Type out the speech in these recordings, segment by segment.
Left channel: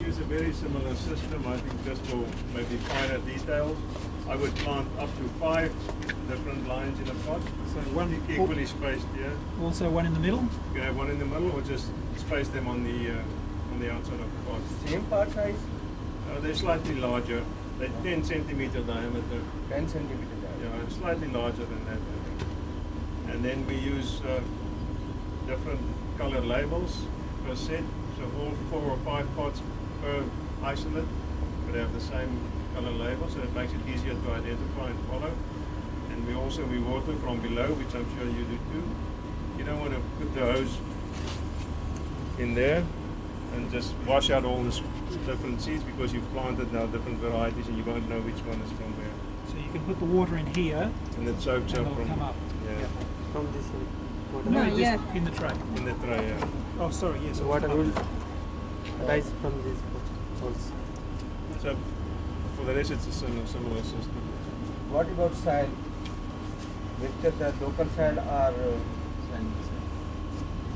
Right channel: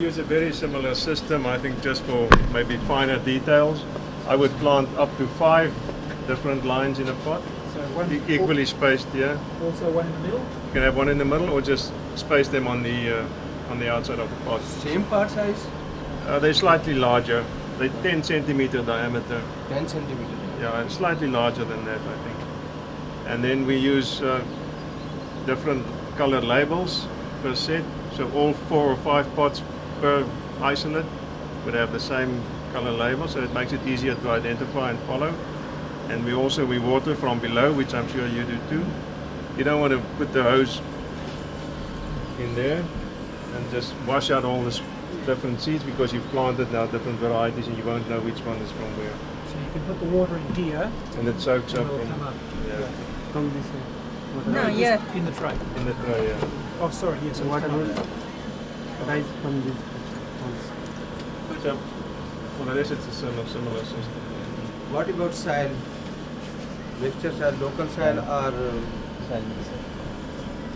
Use a very similar system, I think, just for maybe finer details. I would plant up to 5 different lines in a pot, So one equally spaced. Yeah, also one in the middle. you can have one in the middle, or just space them on the outside of the pot. Same part size? They're slightly larger. They're 10 centimeter diameter. 10 centimeter. Yeah, and slightly larger than that, I think. And then we use different color labels per set. So all 4 or 5 pots per isolate would have the same color label, so it makes it easier to identify and follow. And we water from below, which I'm sure you do too. You don't want to put the hose in there and just wash out all the different seeds, because you've planted now different varieties and you won't know which one is from where. So you can put the water in here. And it soaks up It'll in, come up. yeah, From this side. No, yeah. In the tray. in the tray. Yeah. Oh, sorry. Yes. What it'll come about up. rice from this holes? So for the rest, it's a similar system. What about soil? Mixture soil, local soil or soil mixer?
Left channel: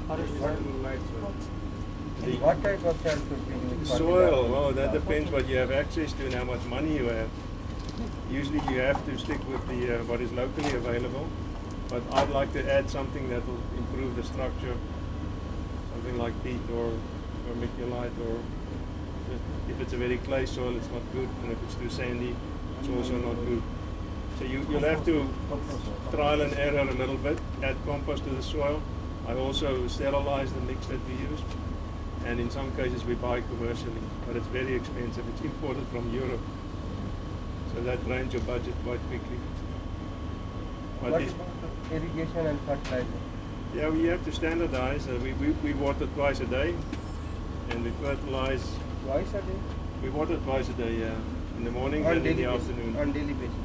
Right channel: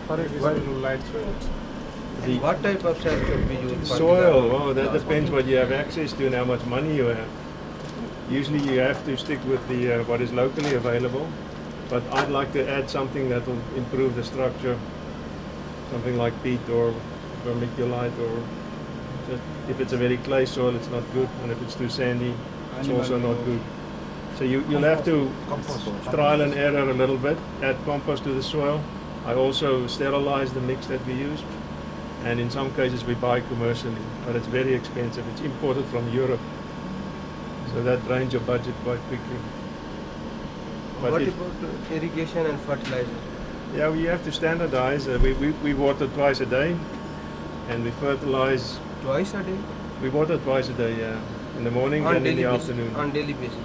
Forest What, soil. what type of soil should be used? for Soil, the- well, that depends what you have access to and how much money you have. Usually you have to stick with the what is locally available, but I'd like to add something that will improve the structure, something like peat or vermiculite, or just, if it's a very clay soil, it's not good, and if it's too sandy, it's also not good. So you'll have to trial and error a little bit, add compost to the soil. I also sterilize the mix that we use, and in some cases we buy commercially, but it's very expensive. It's imported from Europe, so that drains your budget quite quickly. But What it- about irrigation and fertilizer? yeah, we have to standardize. We water twice a day, and we fertilize. Twice a day? We water twice a day, yeah, in the morning and in daily the basis? afternoon, On daily basis?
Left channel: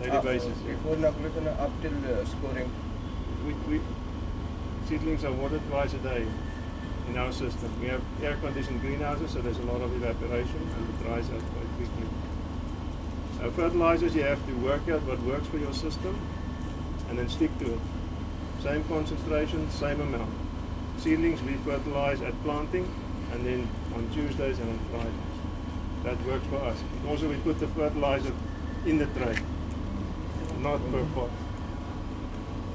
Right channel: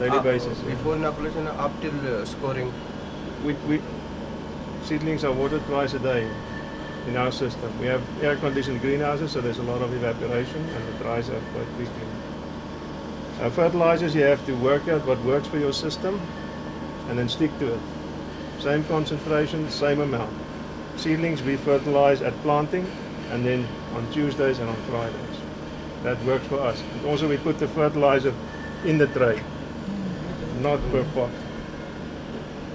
daily basis. Yeah. Before inoculation up till scoring? We seedlings are watered twice a day in our system. We have air-conditioned greenhouses, so there's a lot of evaporation, and it dries out quite quickly. Fertilizers, you have to work out what works for your system, and then stick to it. Same concentration, same amount. Seedlings we fertilize at planting, and then on Tuesdays and on Fridays. That works for us. And also we put the fertilizer in the tray, not per pot.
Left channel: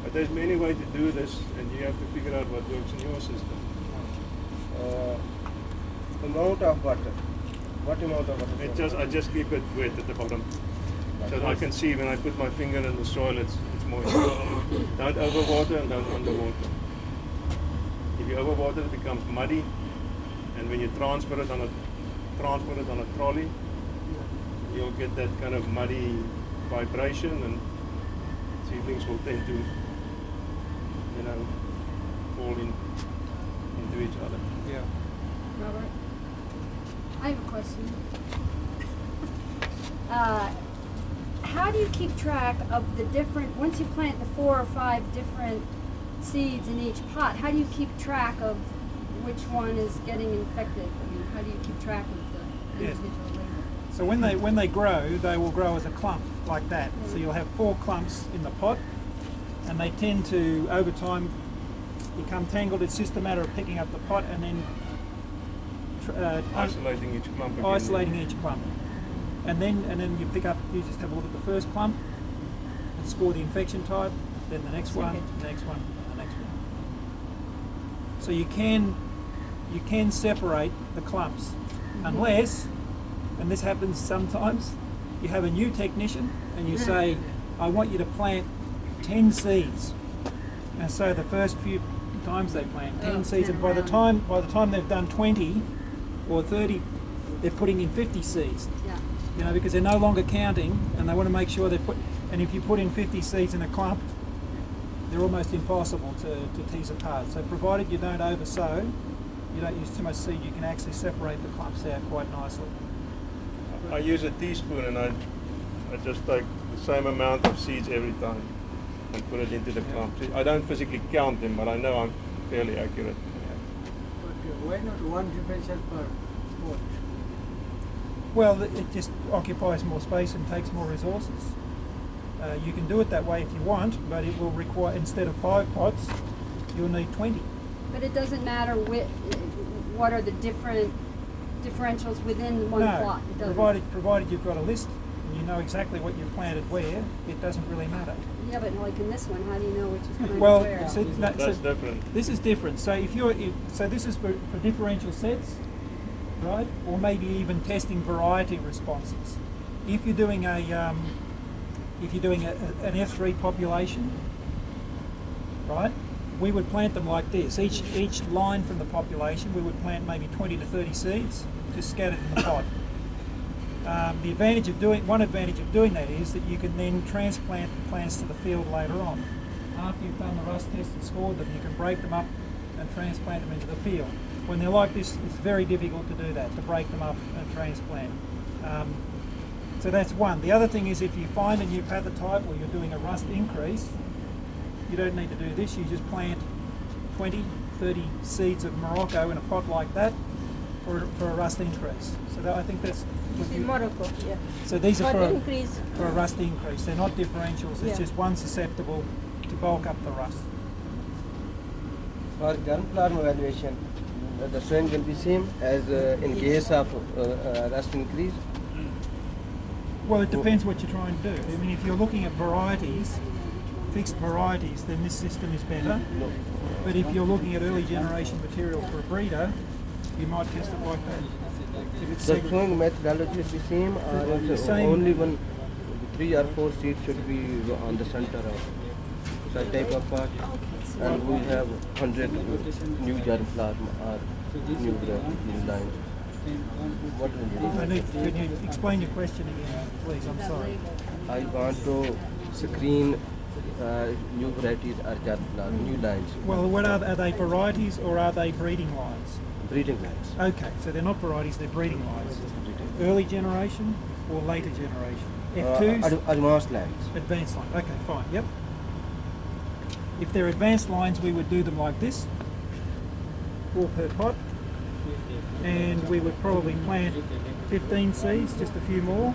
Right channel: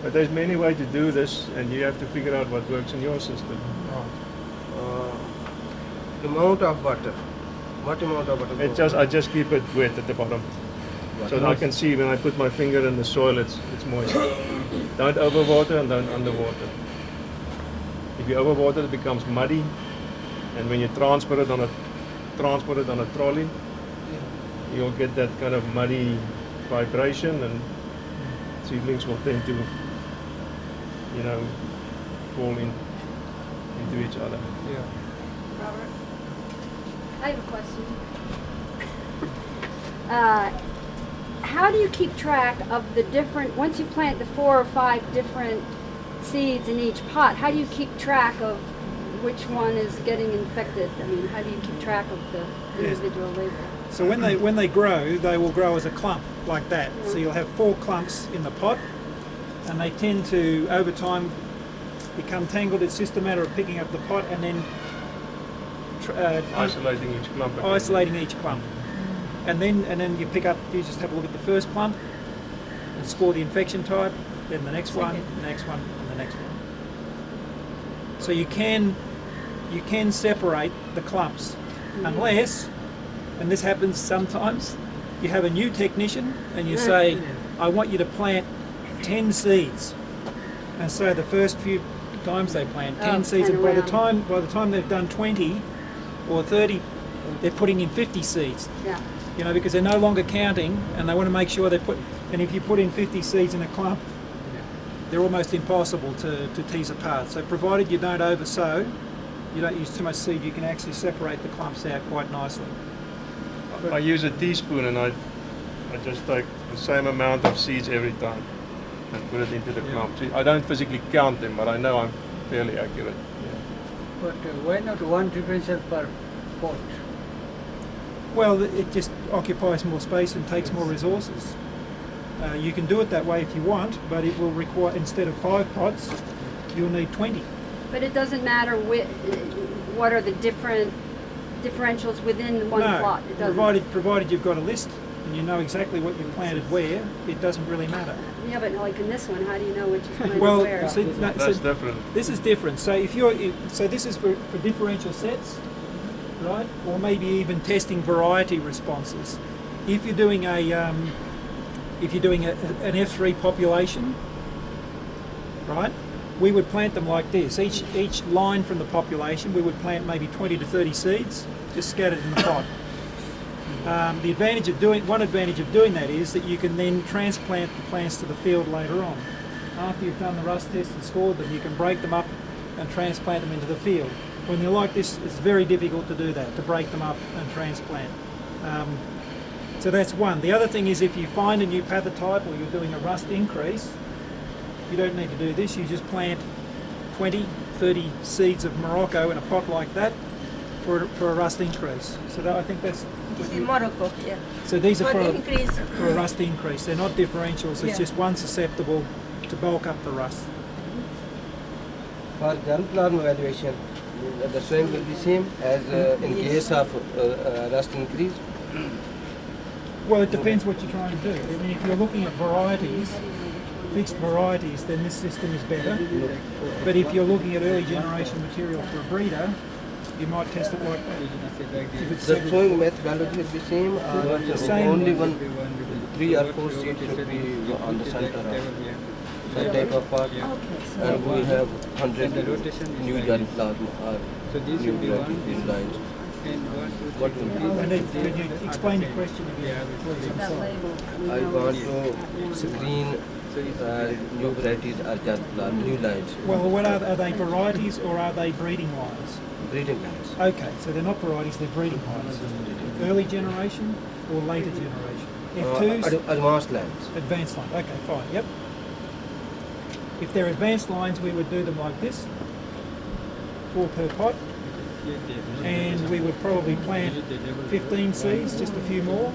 But there's many ways to do this, and you have to figure out what works in your system. Amount of water. What amount of water? I just keep it wet at the bottom, so that I can see when I put my finger in the soil, it's moist. Don't overwater and don't underwater. If you overwater, it becomes muddy, and when you transport it on a trolley, you'll get that kind of muddy vibration, and seedlings will tend to, fall into each other. Yeah. Robert, I have a question. How do you keep track of the different, once you plant the 4 or 5 different seeds in each pot, how do you keep track of which one is getting infected? I mean, how do you keep track of the Yes. individual label? So when they grow, they will grow as a clump like that. So you'll have 4 clumps in the pot, and they tend to, over time, become tangled. It's just a matter of picking up the pot and then Isolating each clump again. isolating each clump. And then you just have a look at the first clump and score the infection type, then the next one, the next one, and the next one. So you can separate the clumps, unless, and this happens sometimes, you have a new technician and you say, I want you to plant 10 seeds. And so the first few times they plant 10 seeds, 10 and by the around. time they've done 20 or 30, they're putting in 50 seeds. Yeah. Because they're no longer counting, and they want to make sure and if you put in 50 seeds in a clump, they're almost impossible to tease apart. So provided you don't oversow, you don't use too much seed, you can actually separate the clumps out quite nicely. I use a teaspoon, and I just take the same amount of seeds every time and put it into the clump. I don't physically count them, but I know I'm fairly accurate. But why not one differential per pot? Well, it just occupies more space and takes more resources. You can do it that way if you want, but it will require, instead of 5 pots, you'll need 20. But it doesn't matter what are the different differentials within one No, plot. It doesn't. provided you've got a list and you know exactly what you planted where, it doesn't really matter. Yeah, but like in this one, how do you know which is planted Well, where? see, That's different. this is different. So if you're so this is for differential sets, right? Or maybe even testing variety responses. If you're doing an F3 population, right? We would plant them like this. Each line from the population, we would plant maybe 20 to 30 seeds, just scattered in the pot. One advantage of doing that is that you can then transplant the plants to the field later on. After you've done the rust test and scored them, you can break them up and transplant them into the field. When they're like this, it's very difficult to do that, to break them up and transplant. So that's one. The other thing is if you find a new pathotype or you're doing a rust increase, you don't need to do this. You just plant 20, 30 seeds of Morocco in a pot like that for a rust increase. So I think that's... In Morocco, yeah. So these are What increase? for a rust increase. They're not differentials. It's Yeah. just one susceptible to bulk up the rust. For gunplarm evaluation, the soil will be same as in case of rust increase. Well, it depends what you're trying to do. I mean, if you're looking at varieties, fixed varieties, then this system is better. But if you're looking at early generation material for a breeder, you might test it like that. If it's The segregated. sowing methodology will be same, or Same. only 3 or 4 seeds should be on the center of the type of pot. And we have 100 new germplasm or So these new will be these lines. What will And then, can you explain your question again, please? I'm That sorry. label. we I know want it's- to screen new varieties or germplasm, new lines, Well, what are they varieties or are they breeding lines? breeding lines. Okay, so they're not varieties, they're breeding lines. Early generation or later generation? F2s? Advanced lines. Advanced line. Okay, fine. Yep. If they're advanced lines, we would do them like this, 4 per pot, and we would probably plant 15 seeds, just a few more,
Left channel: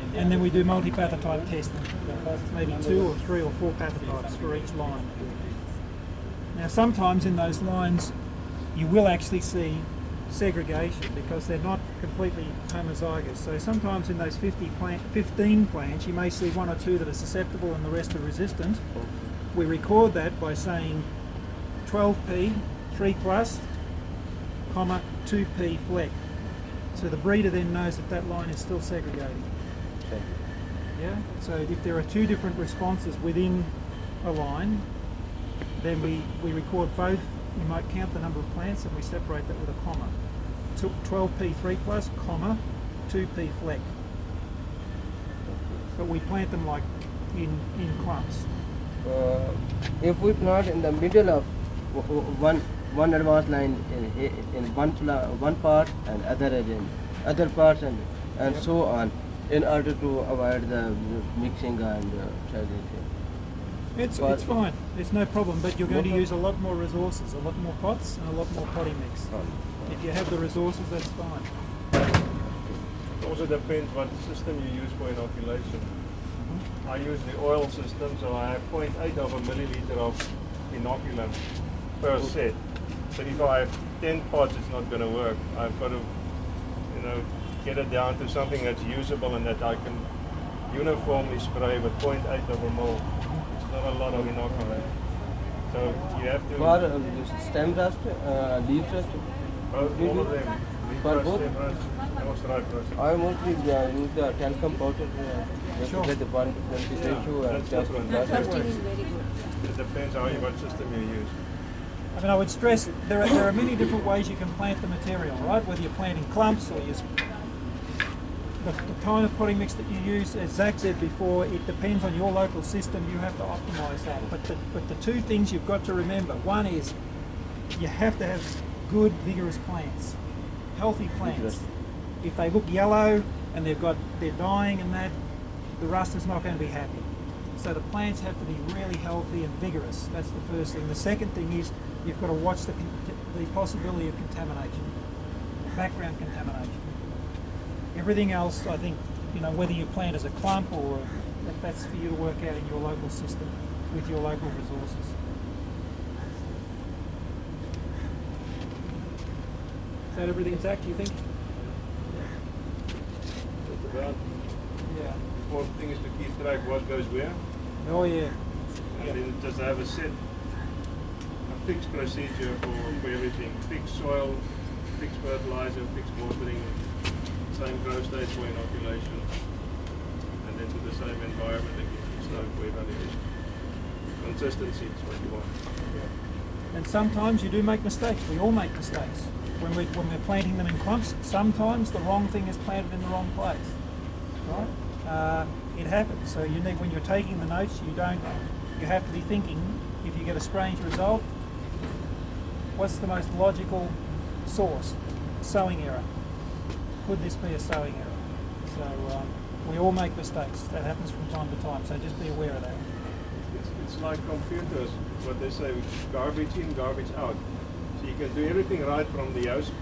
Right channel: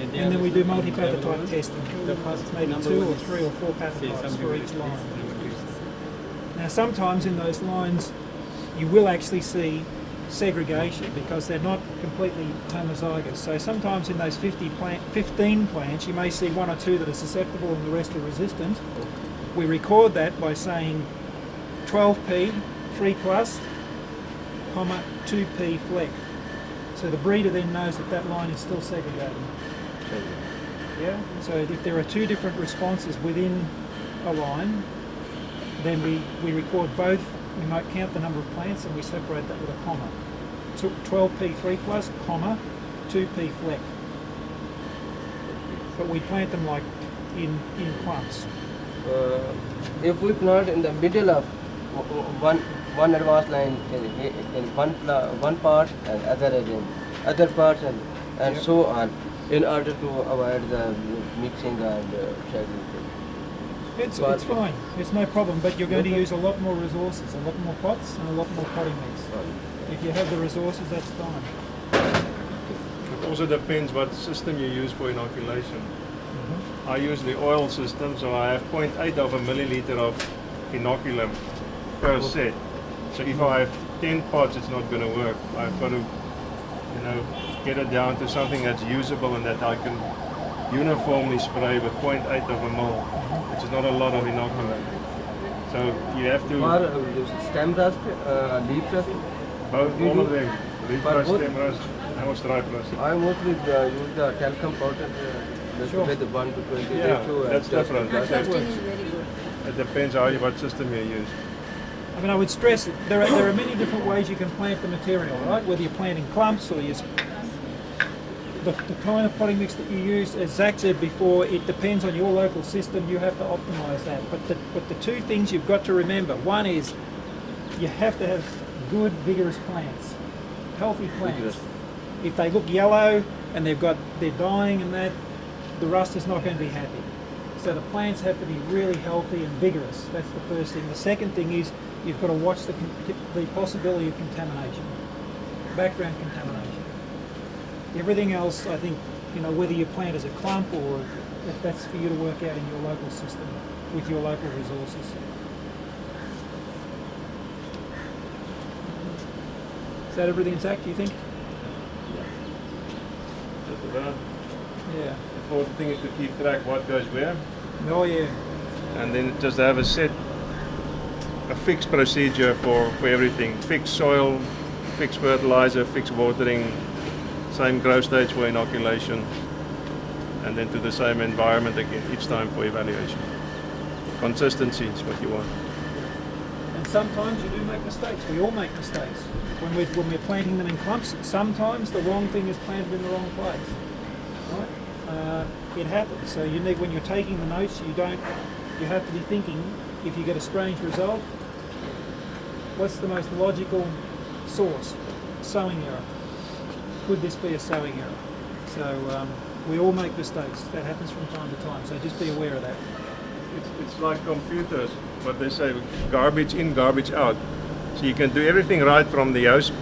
and then we do multi-pathotype testing. Maybe 2 or 3 or 4 pathotypes for each line. Now, sometimes in those lines, you will actually see segregation because they're not completely homozygous. So sometimes in those 15 plants, you may see 1 or 2 that are susceptible and the rest are resistant. We record that by saying 12p 3 plus, comma 2p fleck. So the breeder then knows that that line is still segregated. Yeah. So if there are 2 different responses within a line, then we record both. We might count the number of plants and we separate that with a comma. 12p 3 plus, comma 2p fleck. But we plant them like in clumps. If we plant in the middle of one advanced line in one part and other in other parts and Yep. so on, in order to avoid the mixing and segregation. It's fine. It's no problem. But you're going to use a lot more resources, a lot more pots, and a lot more potting mix. If you have the resources, that's fine. It also depends what system you use for inoculation. I use the oil system, so I have 0.8 of a milliliter of inoculum per set. So if I have 10 pots, it's not going to work. I've got to, get it down to something that's usable and that I can uniformly spray with 0.8 of a mil, which is not a lot of inoculum. So you have to For stem rust, leaf rust, all of them, leaf rust, both? stem rust, and stripe rust. I mostly use the talcum powder Sure. with the 1 to 20 Yeah, ratio. that's just- different. That That's testing is very good. It depends what system you use. I mean, I would stress there are many different ways you can plant the material, right? Whether you're planting clumps or the kind of potting mix that you use, as Zach said before, it depends on your local system. You have to optimise that. But the 2 things you've got to remember: one is you have to have good, vigorous plants, healthy plants. If they look yellow and they're dying and that, the rust is not going to be happy. So the plants have to be really healthy and vigorous. That's the first thing. The second thing is you've got to watch the possibility of contamination, background contamination. Everything else, I think, whether you plant as a clump or that's for you to work out in your local system with your local resources. Is that everything, Zach, do you think? important thing is to keep track what goes where, Oh yeah. and then just have a fixed procedure for everything. Fixed soil, fixed fertilizer, fixed watering, same growth stage for inoculation, and then to the same environment again each time for evaluation. Consistency is what you want. And sometimes you do make mistakes. We all make mistakes. When we're planting them in clumps, sometimes the wrong thing is planted in the wrong place. Right? It happens. So you need, when you're taking the notes, you have to be thinking, if you get a strange result, what's the most logical source? Sowing error. Could this be a sowing error? So we all make mistakes. That happens from time to time. So just be aware of that. It's like computers, what they say, garbage in, garbage out. So you can do everything right from the host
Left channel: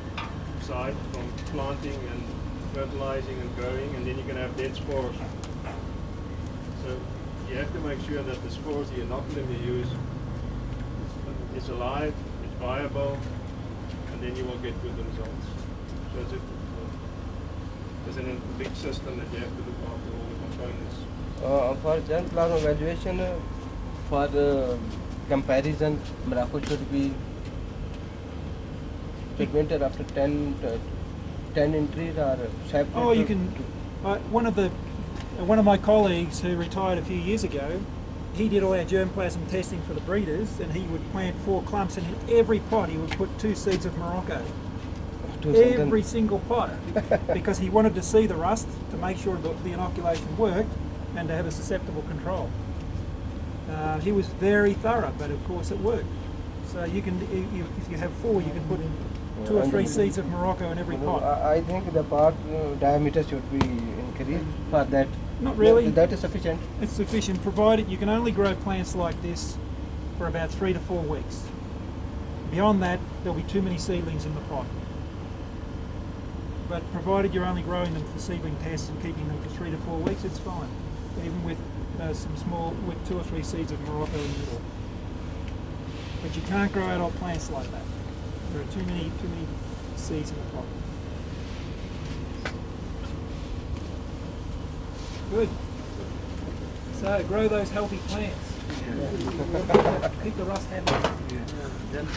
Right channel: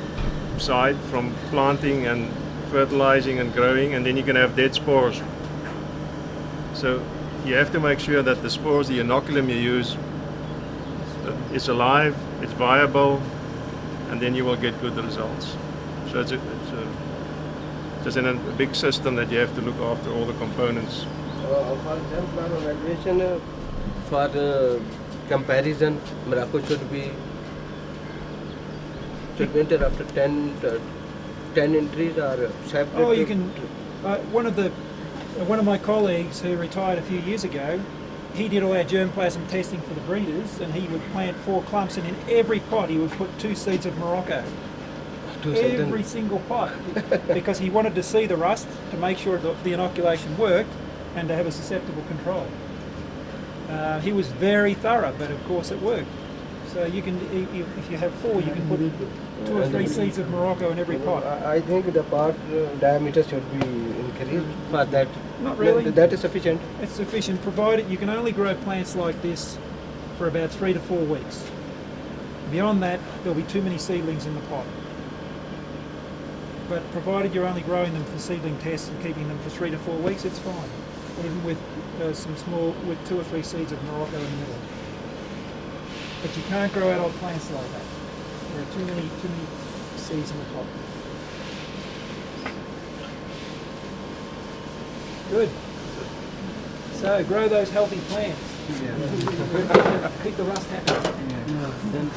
side, from planting and fertilizing and growing, and then you can have dead spores. So you have to make sure that the spores, the inoculum you use, is alive, it's viable, and then you will get good results. So it's just in a big system that you have to look after all the components. For example, for evaluation, for comparison, Morocco should be enter after 10 entries or separate. Oh, you can. One of my colleagues who retired a few years ago, he did all our germplasm testing for the breeders, and he would plant 4 clumps, and in every pot he would put 2 seeds of Morocco. Every single pot, because he wanted to see the rust to make sure the inoculation worked and to have a susceptible control. He was very thorough, but of course it worked. So you can, if you have 4, you can put 2 or 3 seeds of Morocco in every pot. I think the pot diameter should be increased for that. Not really. That is sufficient. It's sufficient, provided you can only grow plants like this for about 3 to 4 weeks. Beyond that, there'll be too many seedlings in the pot. But provided you're only growing them for seedling tests and keeping them for 3 to 4 weeks, it's fine. Even with with 2 or 3 seeds of Morocco in the middle. But you can't grow adult plants like that. There are too many seeds in the pot. Good. So grow those healthy plants. Yeah. Keep the rust out. Yeah. Then